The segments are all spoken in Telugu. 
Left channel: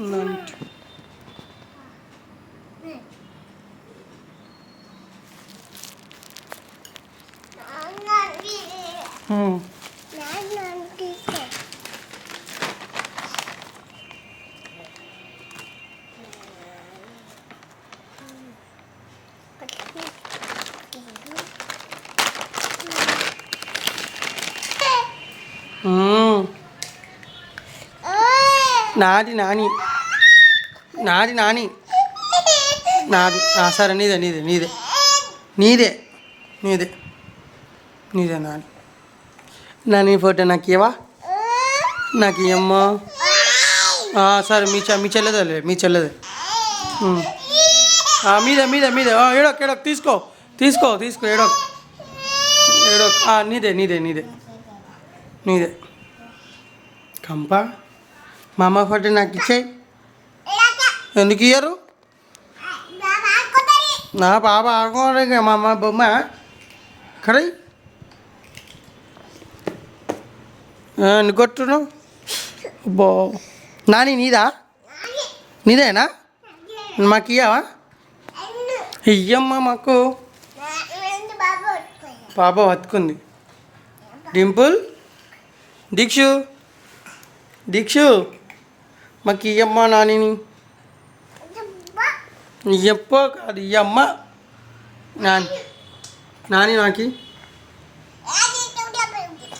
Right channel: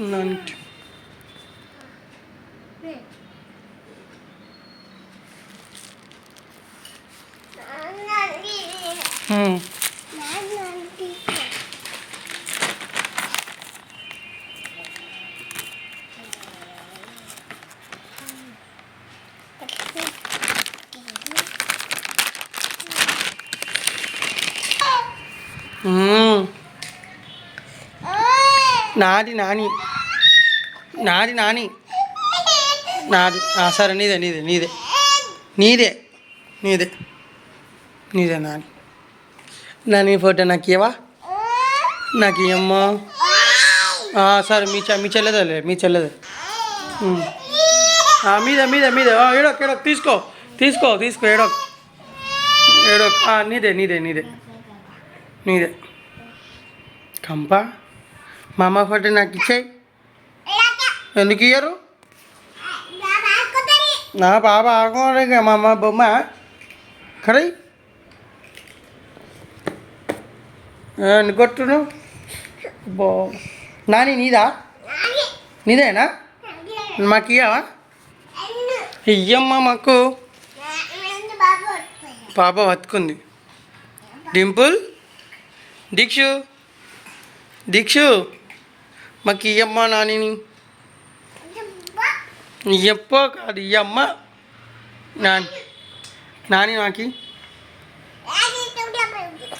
నానికి నాది నాని నాది నాని నాది సరే నీదే నీదే నీదే నీదే నీదే నీదే నాని నాని ఫోటో నాకు ఇవ్వవా నాకు ఇవ్వమ్మా సరే మీ చెల్లెదే మీ చెల్లెదే మీద మీద మీద ఏడోక్ ఏడోక్ తీసుకో తీసుకో తీసుకో ఏడోక్ ఏడోక్ నీదే నీదే నీదే నీదే కంప మా అమ్మ ఫోటో నాకు ఇచ్చేయి ఎందుకు ఇయ్యరు నా బాబా ఆడుకోవాలి మా అమ్మ బొమ్మ కడై కొట్టును బో నాని నీదా నీదేనా మాకు ఇయ్యవా ఇయ్యమ్మా మాకు పాప బతుకుంది డింపుల్ దీక్షు దీక్షు మాకు ఇయ్యమ్మ నానిని ఇయ్యప్ప కాదు ఇయ్యమ్మ నాని నాని నాకి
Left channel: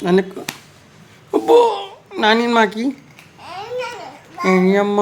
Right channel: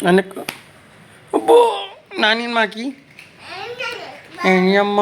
అనుకో అబ్బో నాని మాకి ఇయ్యమ్మ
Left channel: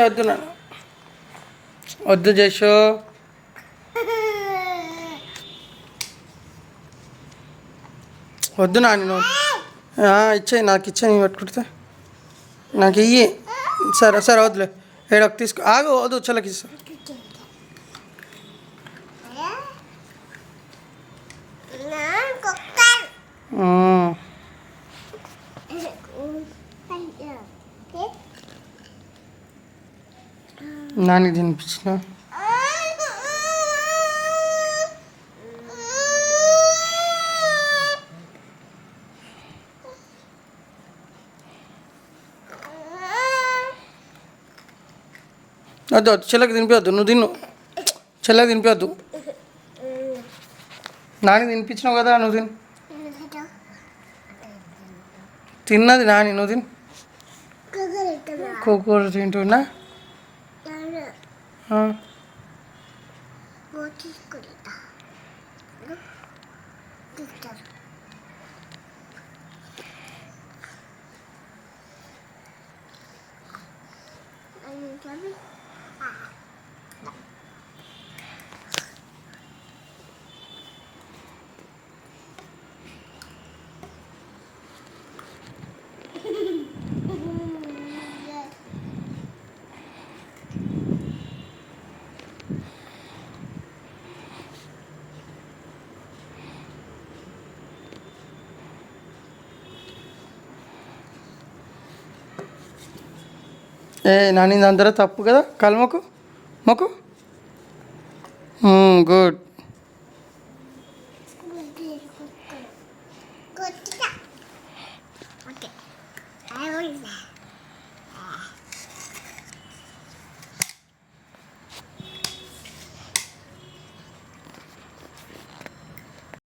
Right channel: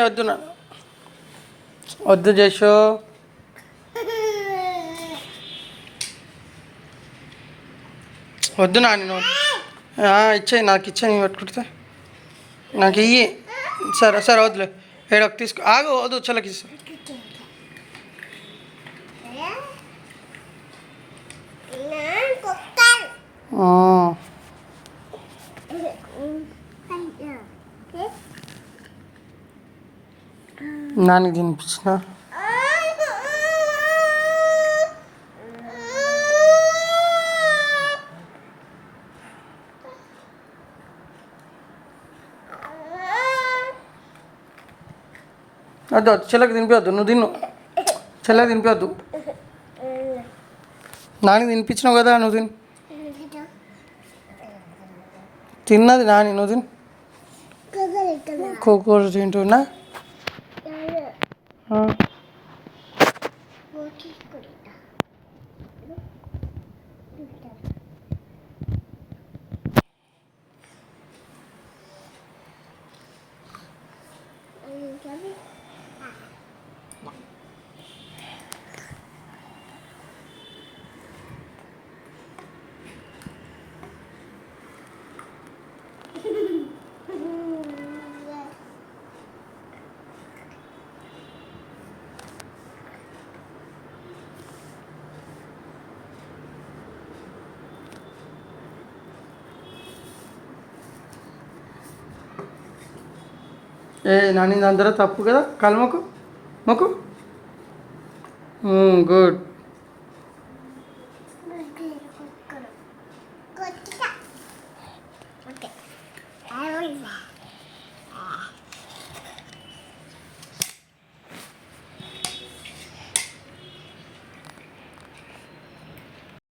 వద్దు నాన్న వద్దు జషో వద్దు నాన్న ఇచ్చేయి నాకు ఇచ్చేయి పట్టుకుంటే నాకు ఇయ్యి సరే సరే వద్దులే ఏడొక తీసుకో ఆగు వద్దు చల్లకి ఇస్తా నానికి తినిపించిన వద్దు చెల్లకి తినిపించద్దు నువ్వు తిన్ను చెల్లకి తినిపించద్దు నాని తినిపించినావు కదా నువ్వు తిను తిన్నది నాని నువ్వు తిను కూర తింటున్నా నాని అందరూ తప్పు కదా కాలు మొక్కు మొక్కు గుడ్